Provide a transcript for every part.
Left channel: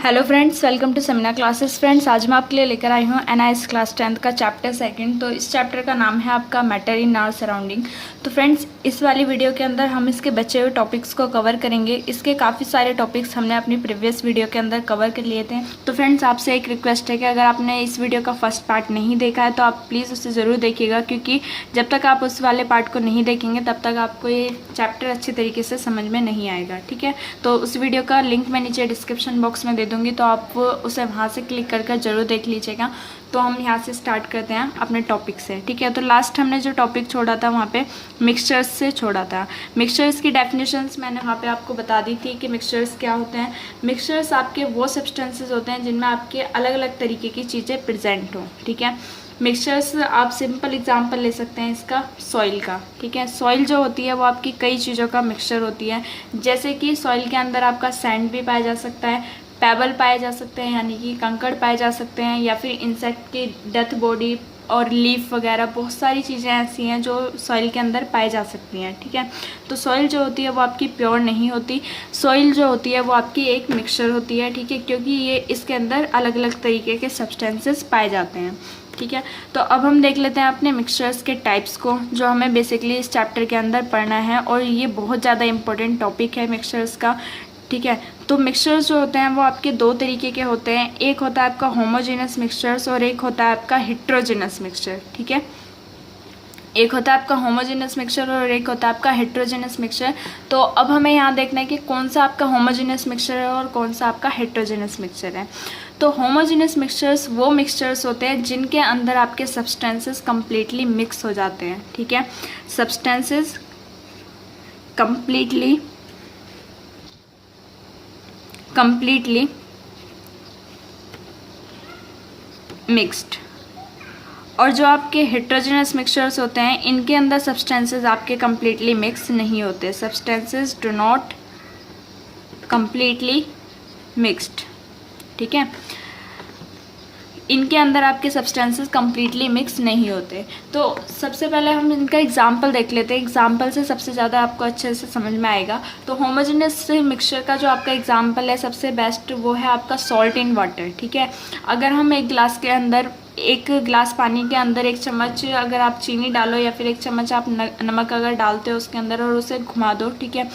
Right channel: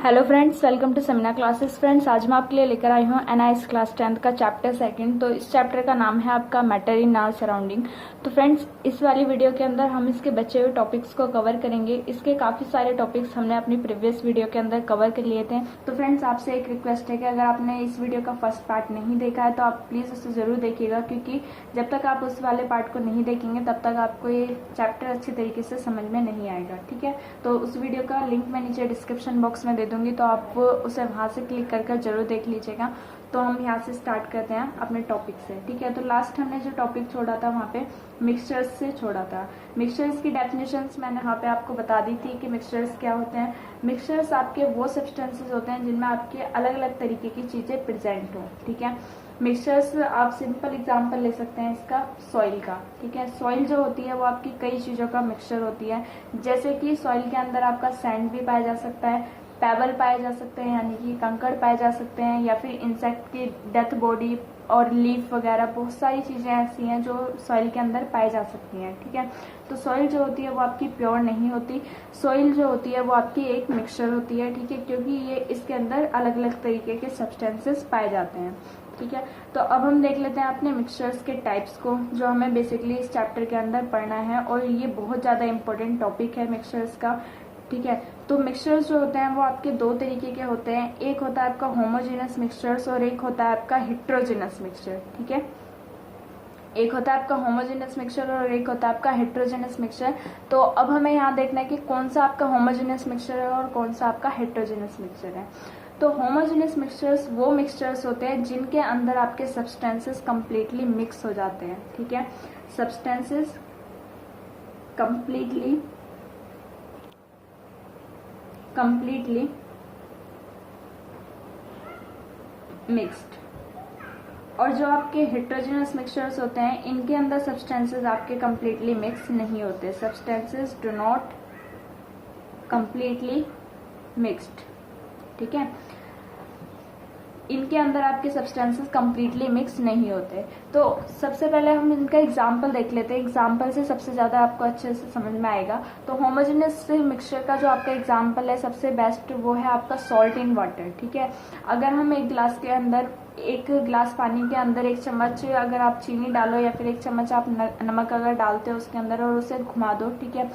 Hello friends, welcome to seminar classes. Friends, आज मैं आपके लिए लेकर आई हूँ एनआईएस क्लास 10th का चैप्टर सेकंड। तो इस चैप्टर का नाम है आपका मैटर इन आवर सराउंडिंग। तो फ्रेंड्स, इस वाली वीडियो के अंदर हम इसके बचे हुए टॉपिक्स को कवर करेंगे। इसके काफ़ी सारे टॉपिक्स हमने अपनी प्रीवियस वीडियो के अंदर कवर कर लिए थे। तो फ्रेंड्स, आपसे एक रिक्वेस्ट है कि अगर आपने इस वीडियो का फर्स्ट पार्ट नहीं देखा है तो आप प्लीज़ उसे ज़रूर देखिएगा, क्योंकि जब तक आप उस वाले पार्ट को नहीं देखेंगे तब तक आपको ये चैप्टर अच्छी तरीके से समझ में नहीं आएगा। ठीक है, तो उस वीडियो का लिंक मैं नीचे डिस्क्रिप्शन बॉक्स में दे दूँगी, तो आप उसे वहाँ से क्लिक कर ज़रूर देख लीजिएगा। तो हम यहाँ से स्टार्ट करते हैं अपने टॉपिक से। ठीक है, तो लास्ट हमने जो टॉपिक छोड़ा था वहाँ पे मिक्सचर्स से छोड़ा था। मिक्सचर्स की डेफिनेशंस मैंने वहाँ पे आपको बता दी थी कि मिक्सचर्स क्या होते हैं। मिक्सचर्स आपके वो सब्सटेंसेस होते हैं जिनमें आपके अलग अलग तरीके की चीज़ें प्रेजेंट हों। ठीक है, मिक्सचर्स आप सिंपल एग्जांपल ले सकते हैं इसका सॉइल का। ठीक है, सॉइल जो होती है वो आपकी कई चीज़ों का मिक्सचर होती है। जैसे कि सॉइल के अंदर आपका सैंड भी पाया जा सकता है, पेबल पाए जा सकते हैं यानी कि कंकड़ पाए जा सकते हैं, या फिर इंसेक्ट की डेथ बॉडी और लीफ वगैरह बहुत सारी चीज़ें ऐसी हैं जो सॉइल के अंदर पाई जा सकती हैं। ठीक है, तो सॉइल जो होती है वो आपकी प्योर नहीं होती। सॉइल जो होती है वो आपकी एक मिक्सचर होती है। ठीक है, क्योंकि ये इसके अंदर अलग अलग तरीके के सब्सटेंसेस पाए जाते हैं। ठीक है, तो अब हम देख लेते हैं अपने मिक्सचर्स के टाइप्स को, जो हमें बेसिकली इस चैप्टर के अंदर पढ़ना है, और ये बहुत ज़्यादा इंपॉर्टेंट टॉपिक है मिक्सचर्स का। ठीक है, तो मिक्सचर्स जो होते हैं वो आपके दो तरीके के होते हैं। एक होता है आपका होमोजेनस मिक्सचर्स और एक होता है आपका हेट्रोजेनस मिक्सचर। ठीक है, एक होता है आपका होमोजेनस मिक्सचर और एक होता है आपका हेट्रोजेनस मिक्सचर। तो अब हमें यहाँ देखना है कि कौन सा आपका होमोजेनस मिक्सचर है और कौन सा आपका हेट्रोजेनस मिक्सचर है। तो होमोजेनस मिक्सचर्स वो मिक्सचर्स होते हैं जिनके अंदर आपके सब्सटेंसेस कम्प्लीटली मिक्स हो जाते हैं। ठीक है, सब्सटेंसेस कम्प्लीटली मिक्स्ड। और जो आपके हेट्रोजेनस मिक्सचर्स होते हैं इनके अंदर सब्सटेंसेस आपके कम्प्लीटली मिक्स नहीं होते। Substances do not completely mixed. ठीक है, इनके अंदर आपके सब्सटेंसेस कम्प्लीटली मिक्स नहीं होते। तो सबसे पहले हम इनका एग्जांपल देख लेते हैं। एग्जांपल से सबसे ज़्यादा आपको अच्छे से समझ में आएगा। तो होमोजेनस मिक्सचर का जो आपका एग्जांपल है सबसे बेस्ट वो है आपका सॉल्ट इन वाटर। ठीक है, अगर हम एक गिलास पानी के अंदर एक चम्मच अगर आप चीनी डालो या फिर एक चम्मच आप नमक अगर डालते हो उसके अंदर और उसे घुमा दो, ठीक है,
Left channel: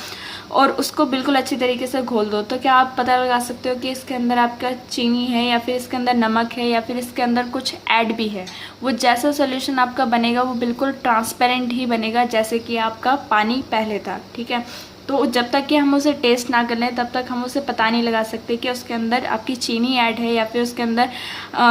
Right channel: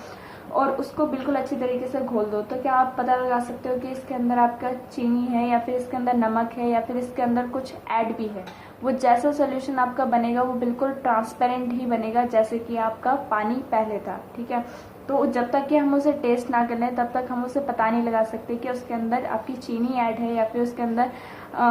और उसको बिल्कुल अच्छी तरीके से घोल दो, तो क्या आप पता लगा सकते हो कि इसके अंदर आपका चीनी है या फिर इसके अंदर नमक है या फिर इसके अंदर कुछ ऐड भी है। वो जैसा सॉल्यूशन आपका बनेगा वो बिल्कुल ट्रांसपेरेंट ही बनेगा जैसे कि आपका पानी पहले था। ठीक है, तो जब तक कि हम उसे टेस्ट ना कर लें तब तक हम उसे पता नहीं लगा सकते कि उसके अंदर आपकी चीनी ऐड है या फिर उसके अंदर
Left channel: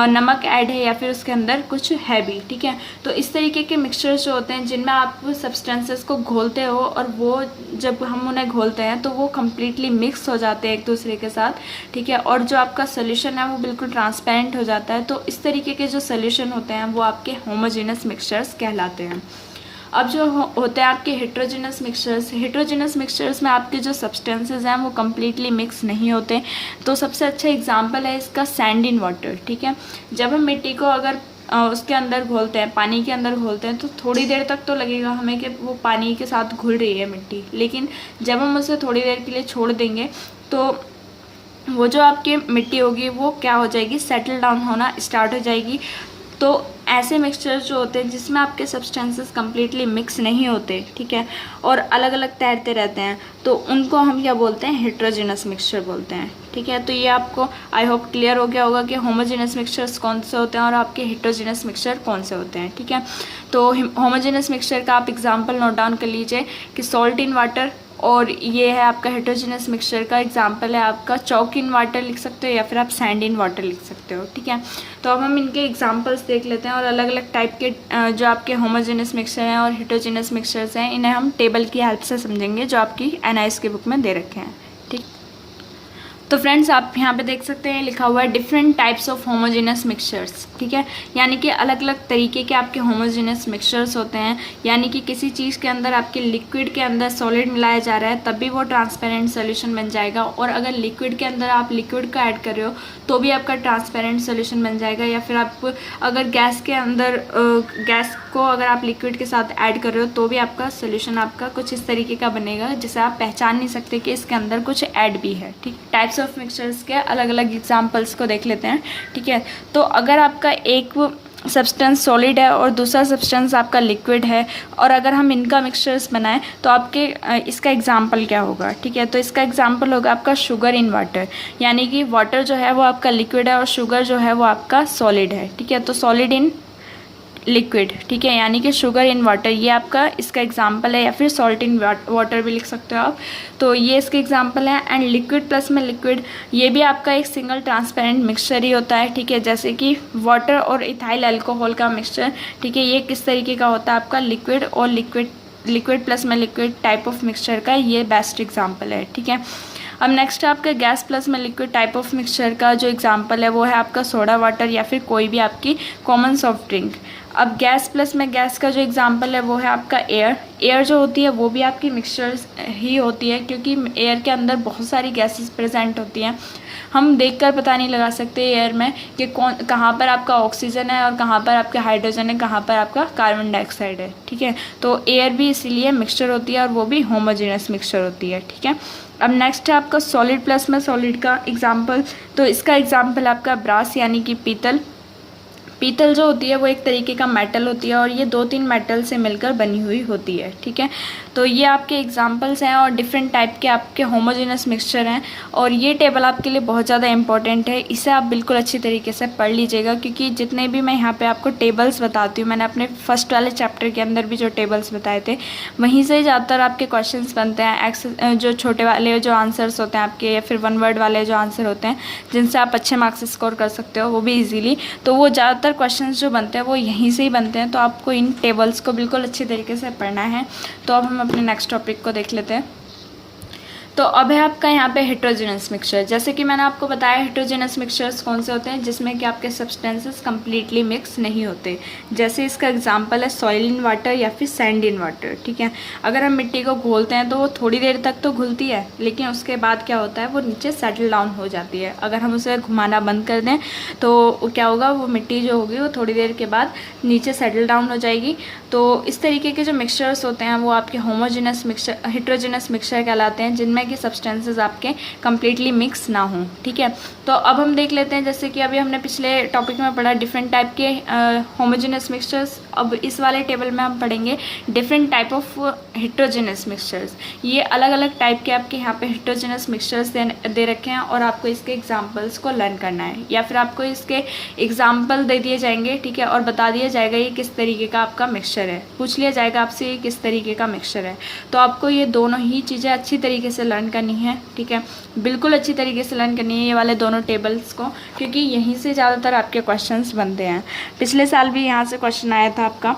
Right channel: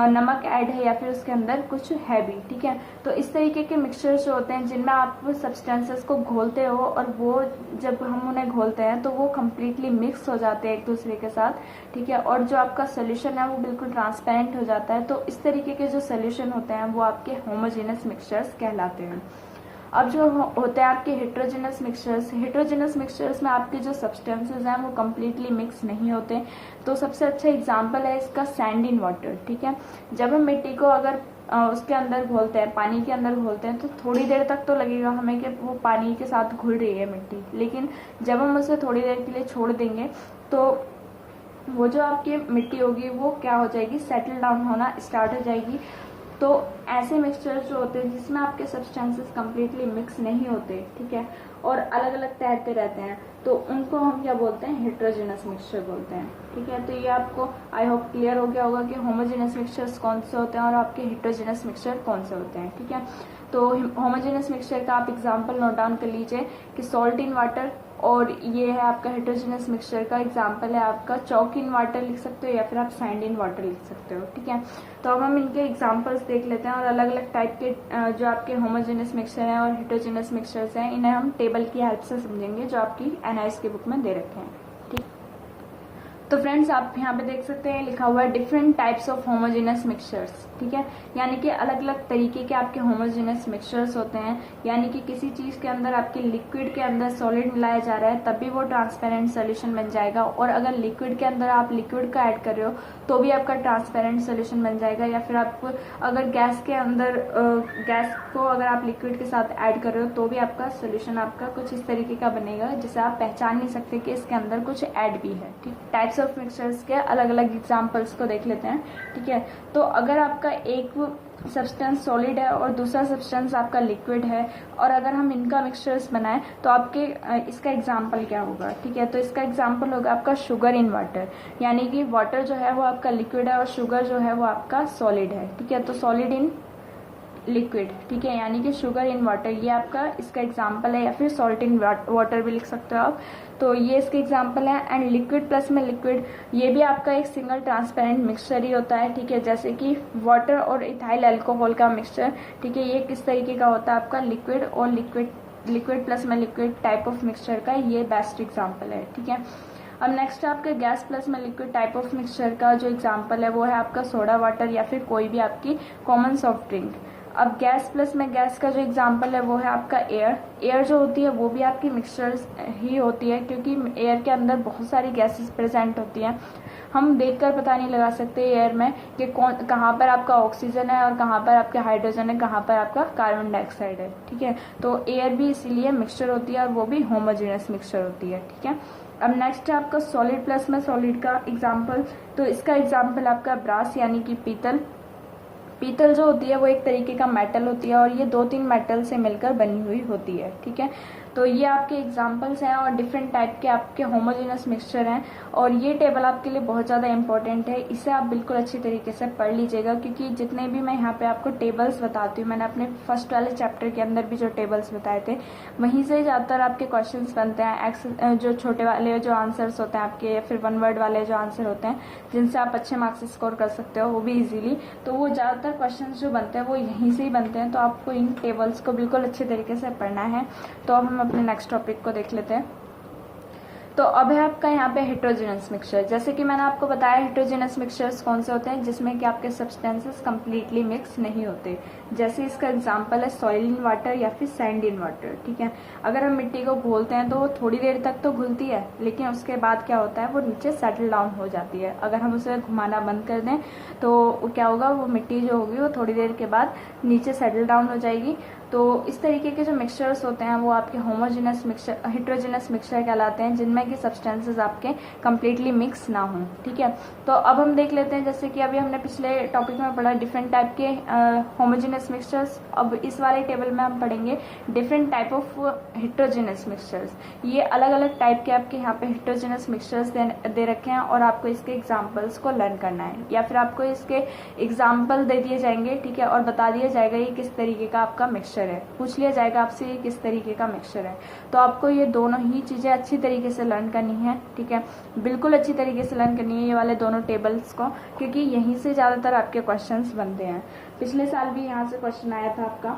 नमक ऐड है या फिर उसके अंदर कुछ है भी। ठीक है, तो इस तरीके के मिक्सचर्स जो होते हैं जिनमें आप सब्सटेंसेस को घोलते हो और वो जब हम उन्हें घोलते हैं तो वो कम्प्लीटली मिक्स हो जाते हैं एक दूसरे के साथ। ठीक है, और जो आपका सोल्यूशन है वो बिल्कुल ट्रांसपेरेंट हो जाता है। तो इस तरीके के जो सोल्यूशन होते हैं वो आपके होमोजेनस मिक्सचर्स कहलाते हैं। अब जो होते हैं आपके हेट्रोजेनस मिक्सचर्स में आपके जो सब्सटेंसेस हैं वो कम्प्लीटली मिक्स नहीं होते। तो सबसे अच्छा एग्जांपल है इसका सैंड इन वाटर। ठीक है, जब हम मिट्टी को अगर उसके अंदर घोलते हैं, पानी के अंदर घोलते हैं, तो थोड़ी देर तक तो लगेगा हमें कि वो पानी के साथ घुल रही है मिट्टी, लेकिन जब हम उसे थोड़ी देर के लिए छोड़ देंगे तो वो जो आपकी मिट्टी होगी वो क्या हो जाएगी, सेटल डाउन होना स्टार्ट हो जाएगी। तो ऐसे मिक्सचर्स जो होते हैं जिसमें आपके सब्सटेंसेस कम्प्लीटली मिक्स नहीं होते, ठीक है, और अलग अलग तैरते रहते हैं, तो उनको हम क्या बोलते हैं, हेट्रोजेनस मिक्सचर बोलते हैं। ठीक है, तो ये आपको आई होप क्लियर हो गया होगा कि होमोजेनस मिक्सचर्स कौन से होते हैं और आपके हेट्रोजेनस मिक्सचर कौन से होते हैं। ठीक है, तो होमोजेनस मिक्सचर का आप एग्जाम्पल नोट डाउन कर लीजिए कि सॉल्ट इन वाटर, और ये है आपका हेट्रोजेनस मिक्सचर का एग्जांपल है आपका चॉक इन वाटर लिख सकते हो या फिर आप सैंड इन वाटर लिख सकते हो। ठीक है, तो अब हम इनके एग्जांपल्स देख लेते हैं और अलग अलग टाइप के जो आपके होमोजेनस मिक्सचर हैं और हेट्रोजेनस मिक्सचर्स हैं इन्हें हम टेबल की हेल्प से समझेंगे जो आपकी एनआईएस की बुक में दे रखे हैं। ठीक, तो फ्रेंड्स आप यहाँ पे देख सकते हैं लिखा हुआ है different types of homogeneous mixtures. ठीक है, यानी कि अलग अलग तरीके के आपके होमोजेनस मिक्सचर्स होते हैं। यानी कि किसी चीज़ के अंदर आपके लिक्विड के अंदर सॉलिड मिलाया जा रहा है तब भी वो ट्रांसपेरेंट सोल्यूशन बन जाएगा, और अगर लिक्विड के अंदर आप लिक्विड का ऐड कर रहे हो तो भी आपका ट्रांसपेरेंट सोल्यूशन बन जाएगा। या फिर आप अगर गैस के अंदर गैस को अगर आप लिक्विड के साथ ऐड कर रहे हो तो भी आपका सोल्यूशन आपका कुछ इस तरीके का बनेगा जिसे आप पहचान नहीं सकते कि इसके अंदर कुछ ऐड भी है। ठीक, टाइप्स टाइप्स ऑफ मिक्सचर्स के अलग अलग एग्जांपल्स को देख लेते हैं, ठीक है। तो अगर आपका एक सब्सटेंस सॉलिड है और दूसरा सब्सटेंस आपका लिक्विड है, और अगर हम इनका मिक्सचर्स बनाएं तो आपके इसका एग्जांपल क्या होगा, ठीक है। तो इसका एग्जांपल होगा आपका शुगर इन वाटर, यानी कि वाटर जो है वो आपका लिक्विड है और शुगर जो है वो आपका सॉलिड है, ठीक है। तो सॉलिड इन लिक्विड, ठीक है, यानी कि शुगर इन वाटर, ये आपका इसका एग्जांपल है, या फिर सॉल्ट इन वाटर भी लिख सकते हो आप। तो ये इसके एग्जांपल है। एंड लिक्विड प्लस में लिक्विड, ये भी आपका एक सिंगल ट्रांसपेरेंट मिक्सचर ही होता है, ठीक है, जैसे कि वाटर और इथाइल अल्कोहल का मिक्सचर, ठीक है। ये किस तरीके का होता है आपका लिक्विड और लिक्विड प्लस में लिक्विड टाइप ऑफ मिक्सचर का ये बेस्ट एग्जाम्पल है, ठीक है। अब नेक्स्ट आपका गैस प्लस में लिक्विड टाइप ऑफ मिक्सचर का जो एग्जांपल है वो है आपका सोडा वाटर या फिर कोई भी आपकी कॉमन सॉफ्ट ड्रिंक। अब गैस प्लस में गैस का जो एग्जांपल है वो है आपका एयर जो होती है वो भी आपकी मिक्सचर्स ही होती है, क्योंकि एयर के अंदर बहुत सारी गैसेस प्रेजेंट होती हैं। हम देखकर पता नहीं लगा सकते एयर में कि कहाँ पर आपका ऑक्सीजन है और कहाँ पर आपका हाइड्रोजन है, कहाँ पर आपका कार्बन डाइऑक्साइड है, ठीक है। तो एयर भी इसीलिए मिक्सचर होती है और वो भी होमोजेनस मिक्सचर होती है, ठीक है। अब नेक्स्ट है आपका सॉलिड प्लस में सॉलिड का एग्जांपल। तो इसका एग्जांपल आपका ब्रास यानी कि पीतल जो होती है वो एक तरीके का मेटल होती है और ये 2-3 मेटल से मिलकर बनी हुई होती है, ठीक है। तो ये आपके एग्जांपल्स हैं और डिफरेंट टाइप के आपके होमोजेनस मिक्सचर हैं, और ये टेबल आपके लिए बहुत ज़्यादा इंपॉर्टेंट है। इसे आप बिल्कुल अच्छी तरीके से पढ़ लीजिएगा, क्योंकि जितने भी मैं यहाँ पे आपको टेबल्स बताती हूँ, मैंने अपने फर्स्ट वाले चैप्टर के अंदर भी जो टेबल्स बताए थे वहीं से ज़्यादातर आपके क्वेश्चन बनते हैं। जो छोटे वाले जो आंसर्स होते हैं आपके, या फिर 1 वर्ड वाले जो आंसर होते हैं जिनसे आप अच्छे मार्क्स स्कोर कर सकते हो वो भी ईजिली, तो वो ज़्यादातर क्वेश्चंस जो बनते हैं वो यहीं से ही बनते हैं। तो आपको इन टेबल्स को बिल्कुल अच्छे तरीके से पढ़ना है। तो अब हम अपने नेक्स्ट टॉपिक को देख लेते हैं। तो अब है आपका यहाँ पे हेट्रोजेनस मिक्सचर। जैसे कि मैंने आपको बताया हेट्रोजेनस मिक्सचर्स कौन से होते हैं, जिसमें कि आपके सब्सटेंसेस कम्प्लीटली मिक्स नहीं होते। जैसे इसका एग्जांपल है सॉइल इन वाटर या फिर सैंड इन वाटर, ठीक है। अगर हम मिट्टी को घोलते हैं तो वो थोड़ी देर तक तो घुलती है, लेकिन उसके बाद क्या होता है वो नीचे सेटल डाउन हो जाती है। अगर हम उसे घुमाना बंद कर दें तो क्या होगा, वो मिट्टी जो होगी वो थोड़ी देर के बाद नीचे सेटल डाउन हो जाएगी। तो इस तरीके के जो मिक्सचर्स होते हैं वो आपके होमोजेनस मिक्सचर हेट्रोजेनस मिक्सचर कहलाते हैं, जिनमें कि सब्सटेंसेस आपके कम्प्लीटली मिक्स ना हों, ठीक है। तो अब हम देख लेते हैं, जैसे कि अभी हमने पिछले टॉपिक में पढ़ा डिफरेंट टाइप के होमोजेनस मिक्सचर्स। अब इस वाले टेबल में हम पढ़ेंगे different type of heterogeneous mixtures. ये अलग अलग टाइप के आपके यहाँ पे हेट्रोजेनस मिक्सचर्स दे रखे हैं, और आपको इसके एग्जाम्पल्स को लर्न करना है, या फिर आपको इसके एग्जाम्पल दे दिए जाएंगे, ठीक है, और बता दिया जाएगा ये किस तरीके का आपका मिक्सचर है। पूछ लिया जाएगा आपसे ये किस तरीके का मिक्सचर है। तो आपको ये दोनों ही चीज़ें अच्छी तरीके से लर्न करनी है, ठीक है, बिल्कुल अच्छी तरीके से लर्न करनी है ये वाले दोनों टेबल्स को, क्योंकि यहीं से ज़्यादातर आपके क्वेश्चंस बनते हैं। पिछले साल भी यहाँ से क्वेश्चन आया था आपका।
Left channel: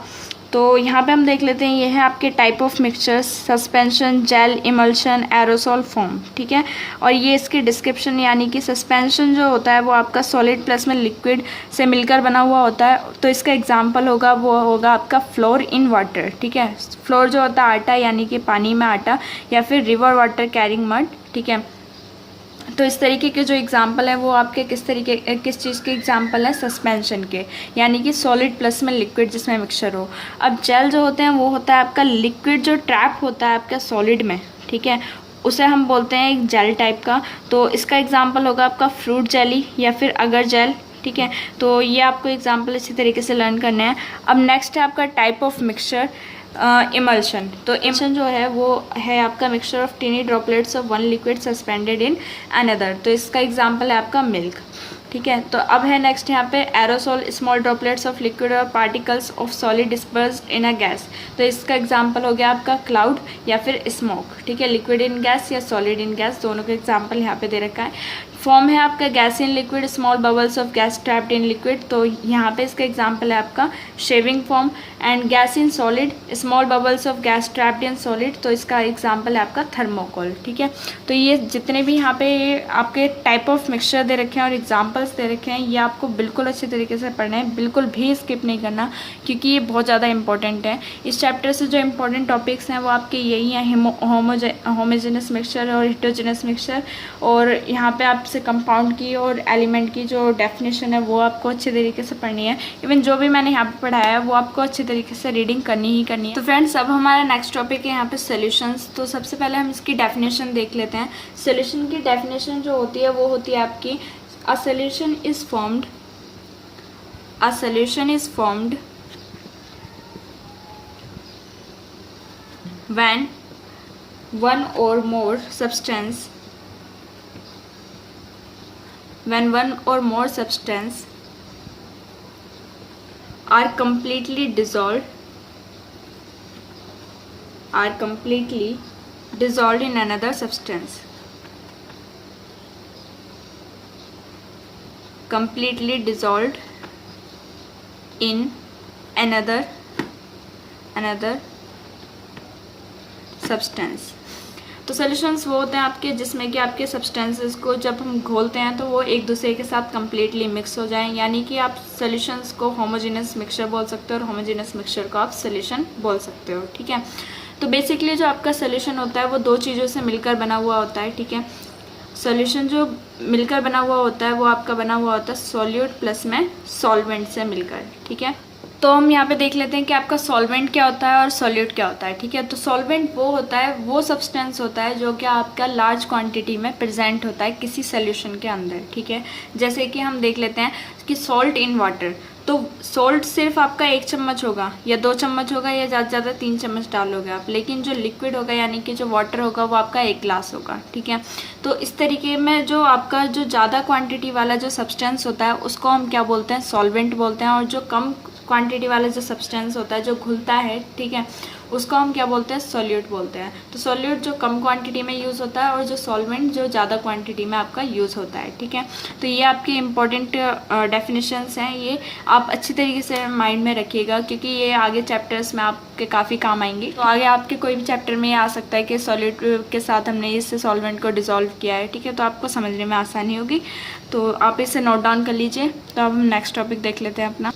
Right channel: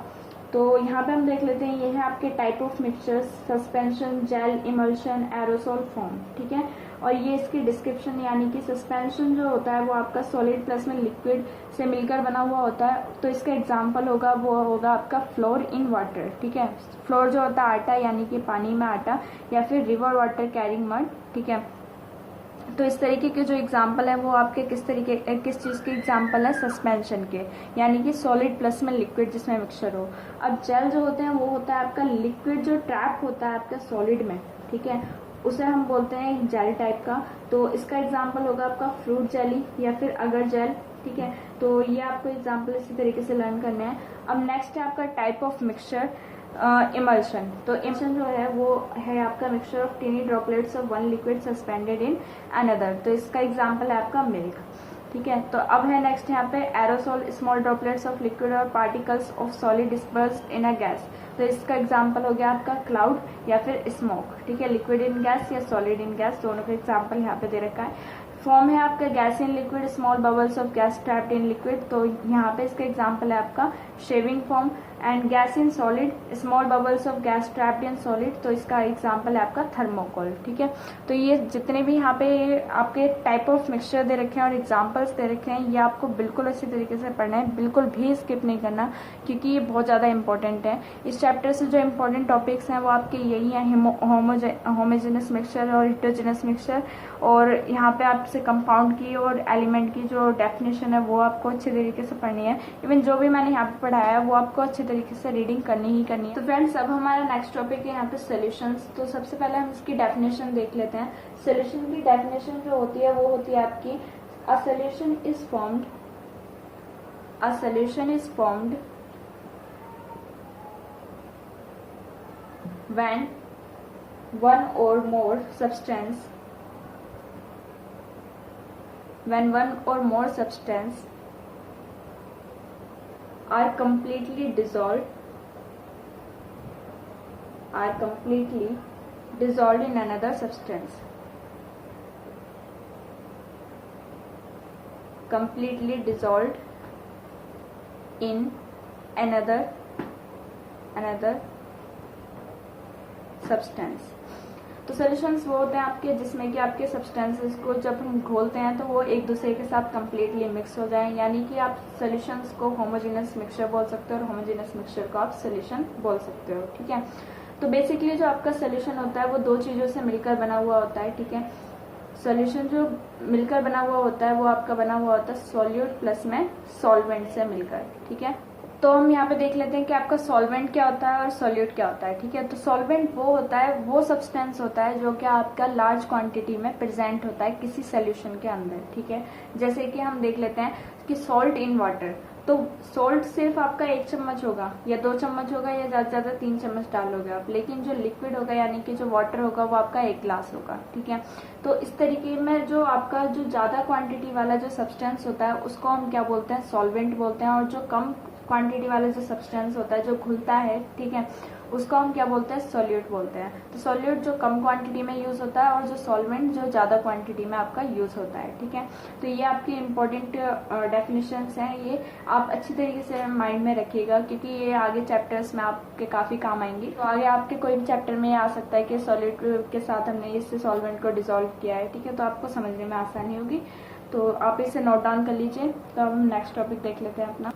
तो यहाँ पे हम देख लेते हैं, ये है आपके type of mixtures, suspension, gel, emulsion, aerosol, foam, ठीक है। और ये इसकी डिस्क्रिप्शन, यानी कि सस्पेंशन जो होता है वो आपका सॉलिड प्लस में लिक्विड से मिलकर बना हुआ होता है। तो इसका एग्जांपल होगा वो होगा आपका फ्लोर इन वाटर, ठीक है। फ्लोर जो होता है आटा, यानी कि पानी में आटा, या फिर रिवर वाटर कैरिंग मड, ठीक है। तो इस तरीके के जो एग्जाम्पल है वो आपके किस चीज़ के एग्जाम्पल है, सस्पेंशन के, यानी कि सॉलिड प्लस में लिक्विड जिसमें मिक्सचर हो। अब जेल जो होते हैं वो होता है आपका लिक्विड जो ट्रैप होता है आपका सॉलिड में, ठीक है, उसे हम बोलते हैं एक जेल टाइप का। तो इसका एग्जाम्पल होगा आपका फ्रूट जेली या फिर अगर जेल, ठीक है। तो ये आपको एग्जाम्पल इसी तरीके से लर्न करना है। अब नेक्स्ट है आपका टाइप ऑफ मिक्सचर इमल्शन। तो इमल्शन जो है वो है आपका mixture of tiny droplets of one liquid suspended in another. तो इसका एग्जांपल है आपका मिल्क, ठीक है। तो अब है नेक्स्ट यहाँ पे aerosol, small droplets of liquid or particles of solid dispersed in a gas. तो इसका एग्जांपल हो गया आपका क्लाउड या फिर स्मोक, ठीक है। लिक्विड इन गैस या सॉलिड इन गैस, दोनों का एग्जाम्पल यहाँ पे दे रखा है। फॉर्म है आपका gas in liquid, small bubbles of gas trapped in liquid. तो यहाँ पे इसका एग्जांपल है आपका shaving form. And gas in solid, small bubbles of gas trapped in solid. तो इसका एग्जांपल है आपका थर्मोकोल, ठीक है। तो ये जितने भी यहाँ पे आपके टाइप ऑफ मिक्सचर दे रखे हैं और एग्जाम्पल्स दे रखे हैं, ये आपको बिल्कुल अच्छे तरीके से पढ़ना है, बिल्कुल भी स्किप नहीं करना, क्योंकि ये बहुत ज़्यादा इंपॉर्टेंट है। इस चैप्टर से जो इंपॉर्टेंट टॉपिक्स हैं वो आपके यही हैं, होमोजेनस मिक्सचर और हेट्रोजेनस मिक्सचर। और यहाँ पे आपसे जैसे कंपाउंड की और एलिमेंट की जो डेफिनेशन है वो आपको अच्छे तरीके से पढ़नी है। इवन जो भी मैंने यहाँ पे पढ़ाया है वो आपको अच्छे तरीके से रीडिंग करनी ही करनी है। तो फ्रेंड्स अब हमारा नेक्स्ट टॉपिक है यहाँ पे सॉल्यूशंस। तो सबसे पहले हम इसकी डेफिनेशन देख लेते हैं। सॉल्यूशन की डेफिनेशन जो होती है वो होती है आपकी a solution is formed when one or more substance are completely dissolved in another substance, completely dissolved in another substance. तो सॉल्यूशंस वो होते हैं आपके जिसमें कि आपके सब्सटेंसेस को जब हम घोलते हैं तो वो एक दूसरे के साथ कम्प्लीटली मिक्स हो जाएं, यानी कि आप सॉल्यूशंस को होमोजेनस मिक्सचर बोल सकते हो और होमोजेनस मिक्सचर को आप सॉल्यूशन बोल सकते हो। ठीक है, तो बेसिकली जो आपका सॉल्यूशन होता है वो दो चीज़ों से मिलकर बना हुआ होता है। ठीक है, सॉल्यूशन जो मिलकर बना हुआ होता है वो आपका बना हुआ होता है सॉल्यूट प्लस में सॉल्वेंट से मिलकर। ठीक है, तो हम यहाँ पे देख लेते हैं कि आपका सॉल्वेंट क्या होता है और सॉल्यूट क्या होता है। ठीक है, तो सॉल्वेंट वो होता है, वो सब्सटेंस होता है जो कि आपका लार्ज क्वांटिटी में प्रेजेंट होता है किसी सॉल्यूशन के अंदर। ठीक है, जैसे कि हम देख लेते हैं कि सॉल्ट इन वाटर, तो सॉल्ट सिर्फ आपका 1 चम्मच होगा या 2 चम्मच होगा या ज़्यादा से ज़्यादा 3 चम्मच डालोगे आप, लेकिन जो लिक्विड होगा यानी कि जो वाटर होगा वो आपका 1 ग्लास होगा। ठीक है, तो इस तरीके में जो आपका जो ज़्यादा क्वांटिटी वाला जो सब्सटेंस होता है उसको हम क्या बोलते हैं, सॉल्वेंट बोलते हैं, और जो कम क्वांटिटी वाला जो सब्सटेंस होता है जो घुलता है, ठीक है, उसको हम क्या बोलते हैं, सॉल्यूट बोलते हैं। तो सॉल्यूट जो कम क्वांटिटी में यूज़ होता है और जो सॉल्वेंट जो ज़्यादा क्वांटिटी में आपका यूज़ होता है। ठीक है, तो ये आपके इम्पोर्टेंट डेफिनेशंस हैं, ये आप अच्छी तरीके से माइंड में रखिएगा क्योंकि ये आगे चैप्टर्स में आपके काफ़ी काम आएंगी। तो आगे आपके कोई भी चैप्टर में ये आ सकता है कि सॉल्यूट के साथ हमने इससे सॉल्वेंट को डिज़ोल्व किया है। ठीक है, तो आपको समझने में आसानी होगी, तो आप इसे नोट डाउन कर लीजिए। तो अब हम नेक्स्ट टॉपिक देख लेते हैं अपना।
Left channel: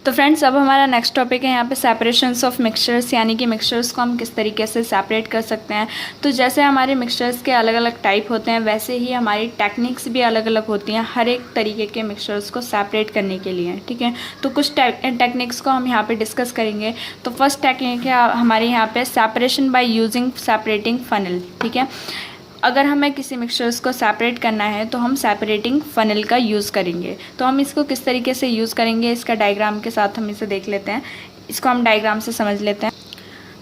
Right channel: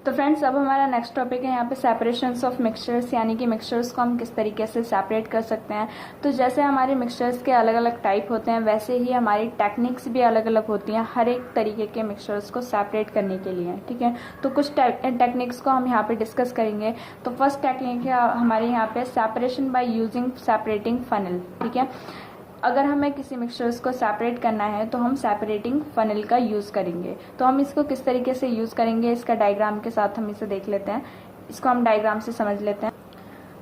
तो फ्रेंड्स अब हमारा नेक्स्ट टॉपिक है यहाँ पे सेपरेशंस ऑफ मिक्सचर्स, यानी कि मिक्सचर्स को हम किस तरीके से सेपरेट कर सकते हैं। तो जैसे हमारे मिक्सचर्स के अलग अलग टाइप होते हैं वैसे ही हमारी टेक्निक्स भी अलग अलग होती हैं हर एक तरीके के मिक्सचर्स को सेपरेट करने के लिए। ठीक है, तो कुछ टेक्निक्स को हम यहाँ पे डिस्कस करेंगे। तो फर्स्ट टेक्निक है हमारे यहाँ पे separation by using separating funnel. ठीक है, अगर हमें किसी मिक्सचर्स को सेपरेट करना है तो हम सेपरेटिंग फनल का यूज़ करेंगे। तो हम इसको किस तरीके से यूज़ करेंगे, इसका डायग्राम के साथ हम इसे देख लेते हैं। इसको हम डायग्राम से समझ लेते हैं।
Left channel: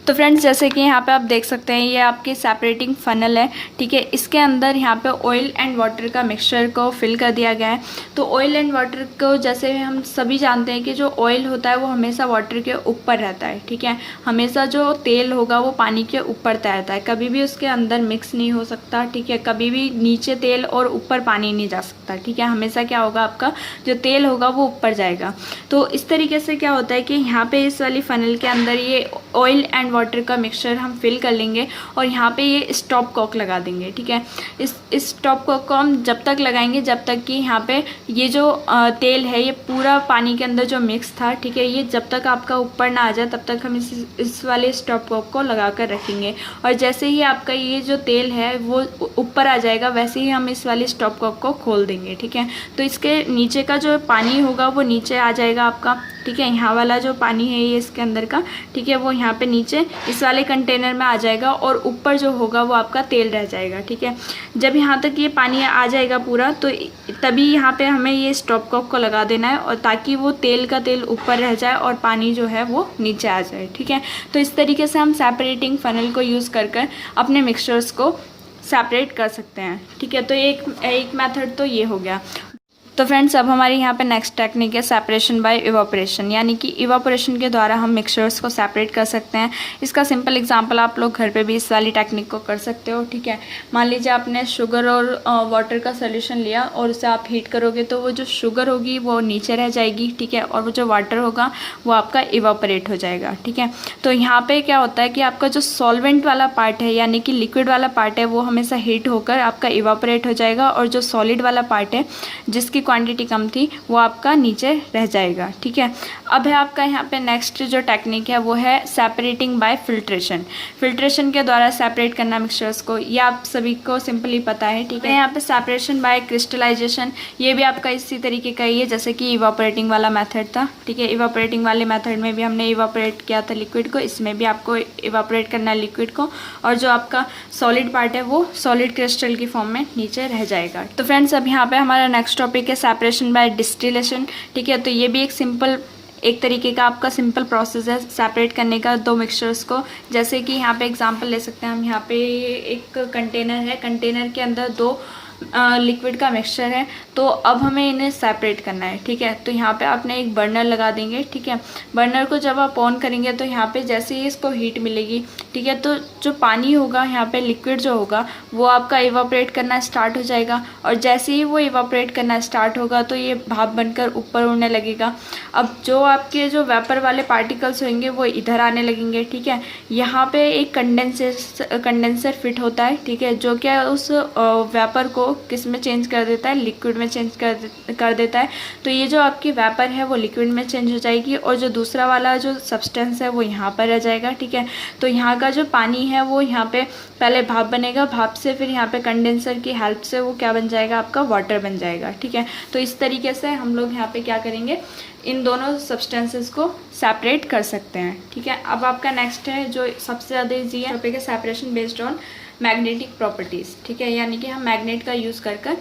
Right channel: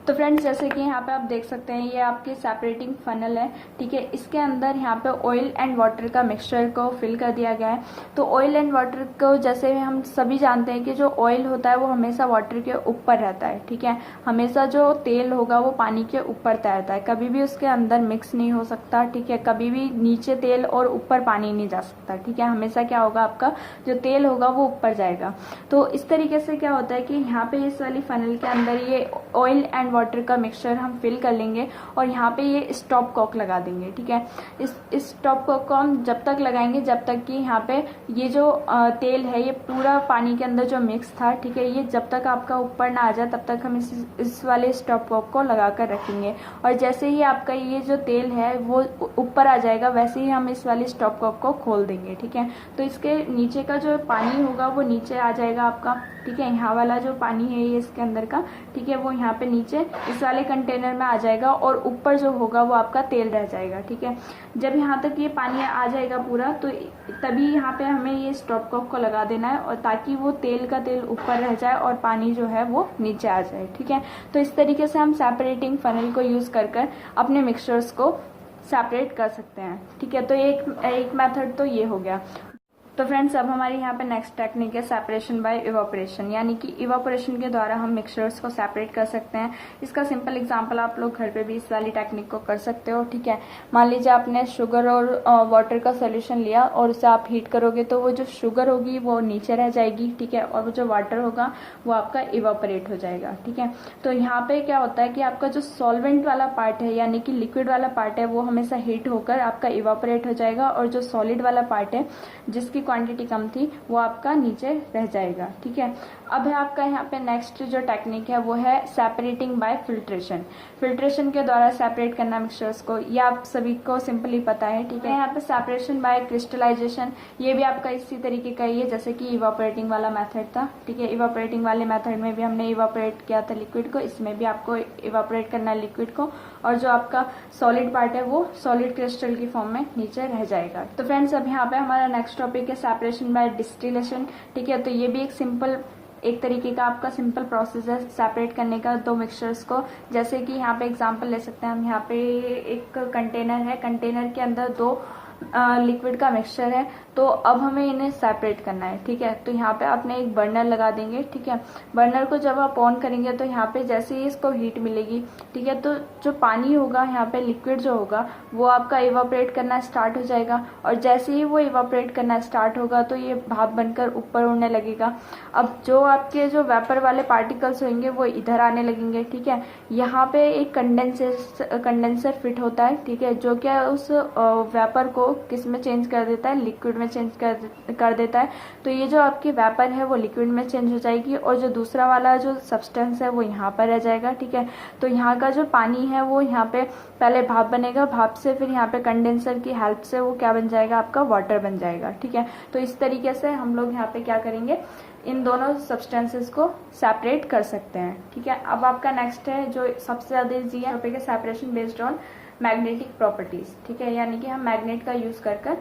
तो फ्रेंड्स जैसे कि यहाँ पे आप देख सकते हैं ये आपकी सेपरेटिंग फनल है। ठीक है, इसके अंदर यहाँ पे ऑयल एंड वाटर का मिक्सचर को फिल कर दिया गया है। तो ऑयल एंड वाटर को जैसे हम सभी जानते हैं कि जो ऑयल होता है वो हमेशा वाटर के ऊपर रहता है। ठीक है, हमेशा जो तेल होगा वो पानी के ऊपर तैरता है, कभी भी उसके अंदर मिक्स नहीं हो सकता। ठीक है, कभी भी नीचे तेल और ऊपर पानी नहीं जा सकता। ठीक है, हमेशा क्या होगा, आपका जो तेल होगा वो ऊपर जाएगा। तो इस तरीके से क्या होता है कि यहाँ पे इस वाली फनल के अंदर ये ऑयल एंड वाटर का मिक्सचर हम फिल कर लेंगे और यहाँ पे ये स्टॉप कॉक लगा देंगे। ठीक है, इस स्टॉप कॉक को हम जब तक लगाएंगे जब तक कि यहाँ पे ये जो तेल है ये पूरा पानी के अंदर जो मिक्स था, ठीक है, ये जब तक आपका ऊपर ना आ जाए तब तक हम इस वाले स्टॉप कॉक को लगा कर रखेंगे। और जैसे ही आपका ये जो तेल है वो ऊपर आ जाएगा वैसे ही हम इस वाले स्टॉप कॉक को खोल देंगे। ठीक है, तो इसके नीचे का जो पानी होगा वो नीचे आ जाएगा आपका। ठीक है, यहाँ वाला जो पानी है ये इसके अंदर का, ठीक है, वो यहाँ पे नीचे इस वाले कंटेनर में आ जाएगा और ऊपर जो होगा वो आपका तेल रह जाएगा। ठीक है, जब यहाँ तक ये पानी आ जाएगा पूरा तो तभी यहाँ पे हमें ये स्टॉप कॉक को लगा देना है और ताकि वो तेल का तेल ऊपर रह जाए और पानी जो है वो नीचे आ जाए। ठीक है, तो इस तरीके से हम सेपरेटिंग फनल को यूज़ कर अपने मिक्सचर्स को सेपरेट कर सकते हैं। ठीक है, तो एक मेथड तो ये हो गया। तो फ्रेंड्स अब हमारे यहाँ पे नेक्स्ट टेक्निक है सेपरेशन बाय इवापोरेशन, यानी कि इवापोरेशन के द्वारा हम मिक्सचर्स को सेपरेट कर सकते हैं। इसका सिंपल एग्जांपल आप लोग घर पे भी इस वाली टेक्निक को कर सकते हो। ठीक है, मान लीजिए आपने शुगर और वाटर का सोल्यूशन लिया और उसे आप हीट करोगे तो वो जो शुगर होगी वो नीचे रह जाएगी। ठीक है, और वो जो वाटर होगा वो आपका इवापोरेट हो जाएगा। ठीक है, तो यहाँ पर क्या होता है कि आपका जो सॉल्वेंट वाला पार्ट है यानी कि लिक्विड वाला पार्ट है वो हमेशा हीट होकर आपका इवापोरेट हो जाएगा और जो सॉलिड वाला पार्ट है जिसकी क्वांटिटी कम थी वो आपका नीचे रह जाएगा। ठीक है, अब है आपका यहाँ पे नेक्स्ट जो टेक्निक है वो है सेपरेटिंग बाय फिल्ट्रेशन। फिल्ट्रेशन के द्वारा सेपरेट करना मिक्सचर्स को, ये आप सभी को सिंपली पता है। ठीक है, यहाँ पे सेपरेशन बाय क्रिस्टलाइजेशन, ये भी आपका इसी तरीके का ही है जैसे कि इवापोरेटिंग वाला मेथड था। ठीक है, इवापोरेटिंग वाले मेथड में भी हमने इवापोरेट किया था लिक्विड को, इसमें भी आपको इवापोरेट करना है लिक्विड को, और जो आपका सॉलिड पार्ट है वो सॉलिड क्रिस्टल की फॉर्म में नीचे रह जाएगा। तो फ्रेंड्स अब यहाँ पे हमारा नेक्स्ट टॉपिक है सेपरेशन बाय डिस्टिलेशन। ठीक है, तो ये भी एक तरीके का आपका सिंपल प्रोसेस है सेपरेट करने का दो मिक्सचर्स को। जैसे कि यहाँ पे एग्जांपल ले सकते हैं हम, यहाँ पे एक कंटेनर है, कंटेनर के अंदर दो लिक्विड का मिक्सचर है, तो अब हमें इन्हें सेपरेट करना है। ठीक है, तो यहाँ पे आपने एक बर्नर लगा देंगे। ठीक है, बर्नर को जब आप ऑन करेंगे तो यहाँ पे जैसे ही इसको हीट मिलेगी, ठीक है, तो जो पानी होगा यहाँ पे लिक्विड जो होगा वो आपका इवापोरेट करना स्टार्ट हो जाएगा, और जैसे ही वो इवापोरेट करना स्टार्ट होगा तो ये भाप बनकर ऊपर उड़ने लगेगा। अब जो आपके जो वेपर वाले पार्टिकल्स होंगे वो इधर आने लगेंगे। ठीक है, यहाँ पे एक कंडेंसर फिट होता है। ठीक है, जो क्या उस वेपर को किस में चेंज कर देता है, लिक्विड में चेंज कर देता है। तो ये जो आपकी वेपर है वो लिक्विड में चेंज हो जाएगी, और जो दूसरा वाला जो सब्सटेंस है वो यहाँ पर रह जाएगा। ठीक है, तो यहाँ का जो पानी है वो यहाँ पे पहले भाप बनेगा, भाप से फिर यहाँ पे कंडेंसर की हेल्प से वो क्या बन जाएगा, आपका वाटर बन जाएगा। ठीक है, तो इस तरीके से हम लोग यहाँ पे क्या करेंगे, इन दोनों सब्सटेंसेस को सेपरेट कर सकते हैं। ठीक है, अब आपका नेक्स्ट है जो सबसे ज़्यादा ईजी है टॉपिक है separation based on magnetic properties. ठीक है, यानी कि हम मैग्नेट का यूज़ कर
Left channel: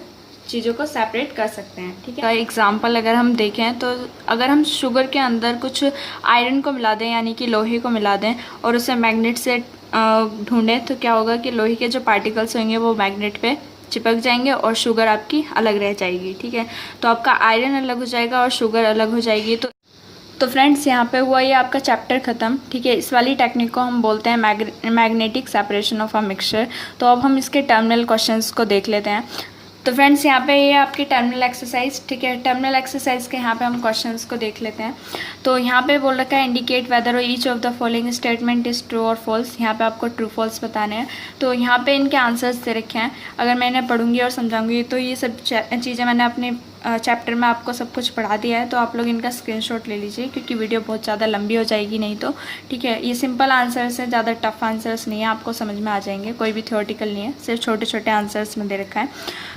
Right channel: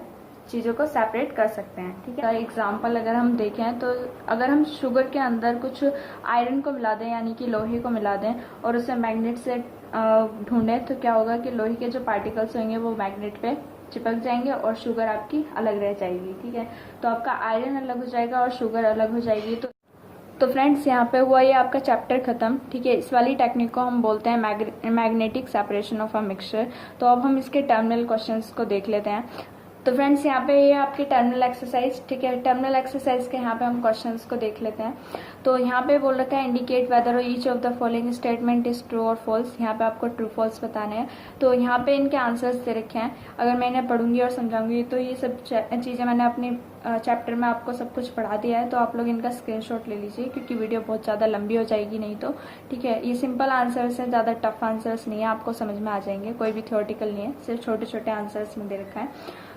चीज़ों को सेपरेट कर सकते हैं। ठीक है, एग्जांपल अगर हम देखें तो अगर हम शुगर के अंदर कुछ आयरन को मिला दें यानी कि लोहे को मिला दें और उसे मैग्नेट से ढूंढें, तो क्या होगा कि लोहे के जो पार्टिकल्स होंगे वो मैग्नेट पे चिपक जाएंगे और शुगर आपकी अलग रह जाएगी। ठीक है, तो आपका आयरन अलग हो जाएगा और शुगर अलग हो जाएगी। तो फ्रेंड्स यहाँ पे हुआ ये आपका चैप्टर ख़त्म। ठीक है, इस वाली टेक्निक को हम बोलते हैं magnetic separation of a mixture. तो अब हम इसके टर्मिनल क्वेश्चंस को देख लेते हैं। तो फ्रेंड्स यहाँ पे ये आपकी टर्मिनल एक्सरसाइज। ठीक है, टर्मिनल एक्सरसाइज के यहाँ पे हम क्वेश्चंस को देख लेते हैं। तो यहाँ पे बोल रखा है indicate whether each of the following statement is true और फॉल्स। यहाँ पे आपको ट्रू फॉल्स बताने हैं। तो यहाँ पे इनके आंसर्स दे रखे हैं। अगर मैं इन्हें पढ़ूंगी और समझाऊंगी तो ये सब चीज़ें मैंने अपने चैप्टर में आपको सब कुछ पढ़ा दिया है, तो आप लोग इनका स्क्रीनशॉट ले लीजिए क्योंकि वीडियो बहुत ज़्यादा लंबी हो जाएगी नहीं तो। ठीक है, ये सिंपल आंसर्स हैं, ज़्यादा टफ आंसर्स नहीं है, आपको समझ में आ जाएंगे, कोई भी थ्योरेटिकल नहीं है, सिर्फ छोटे छोटे आंसर्स में दे रखा है।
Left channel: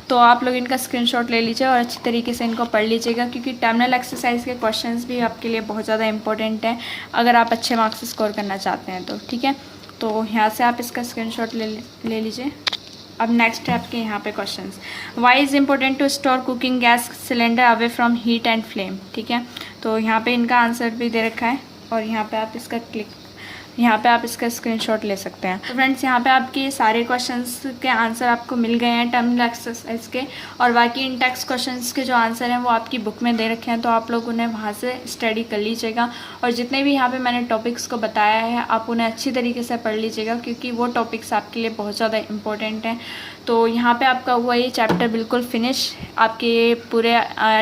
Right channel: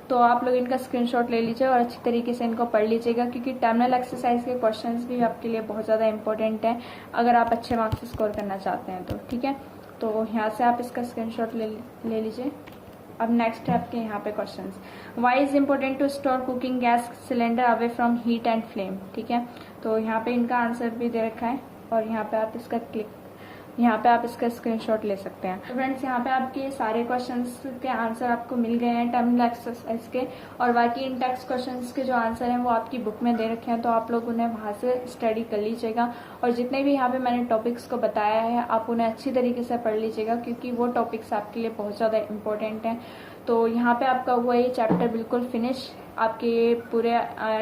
तो आप लोग इनका स्क्रीनशॉट ले लीजिए और अच्छी तरीके से इनको पढ़ लीजिएगा क्योंकि टर्मिनल एक्सरसाइज के क्वेश्चंस भी आपके लिए बहुत ज़्यादा इंपॉर्टेंट है अगर आप अच्छे मार्क्स स्कोर करना चाहते हैं तो। ठीक है, तो यहाँ से आप इसका स्क्रीनशॉट ले लीजिए। अब नेक्स्ट है आपके यहाँ पे questions. Why is important to store cooking gas cylinder away from heat and flame. ठीक है, तो यहाँ पे इनका आंसर भी दे रखा है और यहाँ पे आप इसका स्क्रीनशॉट ले सकते हैं। तो फ्रेंड्स यहाँ पे आपके सारे क्वेश्चंस के आंसर आपको मिल गए हैं टर्मिनल एक्सरसाइज के, और बाकी इन टेक्स्ट क्वेश्चंस के जो आंसर हैं वो आपकी बुक में दे रखे हैं, तो आप लोग उन्हें वहाँ से स्टडी कर लीजिएगा। और जितने भी यहाँ पे मैंने टॉपिक्स को बताया है आप उन्हें अच्छी तरीके से पढ़ लीजिएगा क्योंकि वो टॉपिक्स आपके लिए बहुत ज़्यादा इंपॉर्टेंट हैं। तो यहाँ पे आपका हुआ ये चैप्टर बिल्कुल फिनिश, आपके पूरे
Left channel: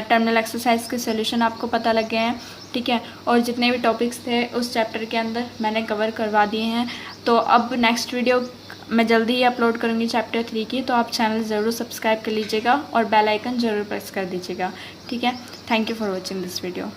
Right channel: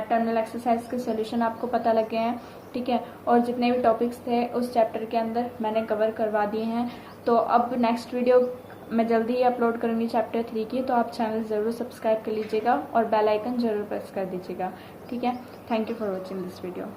टर्मिनल एक्सरसाइज के सोल्यूशन आपको पता लग गए हैं। ठीक है, और जितने भी टॉपिक्स थे उस चैप्टर के अंदर मैंने कवर करवा दिए हैं। तो अब नेक्स्ट वीडियो मैं जल्दी ही अपलोड करूँगी चैप्टर 3 की, तो आप चैनल ज़रूर सब्सक्राइब कर लीजिएगा और बेल आइकन ज़रूर प्रेस कर दीजिएगा। ठीक है, thank you for watching this video.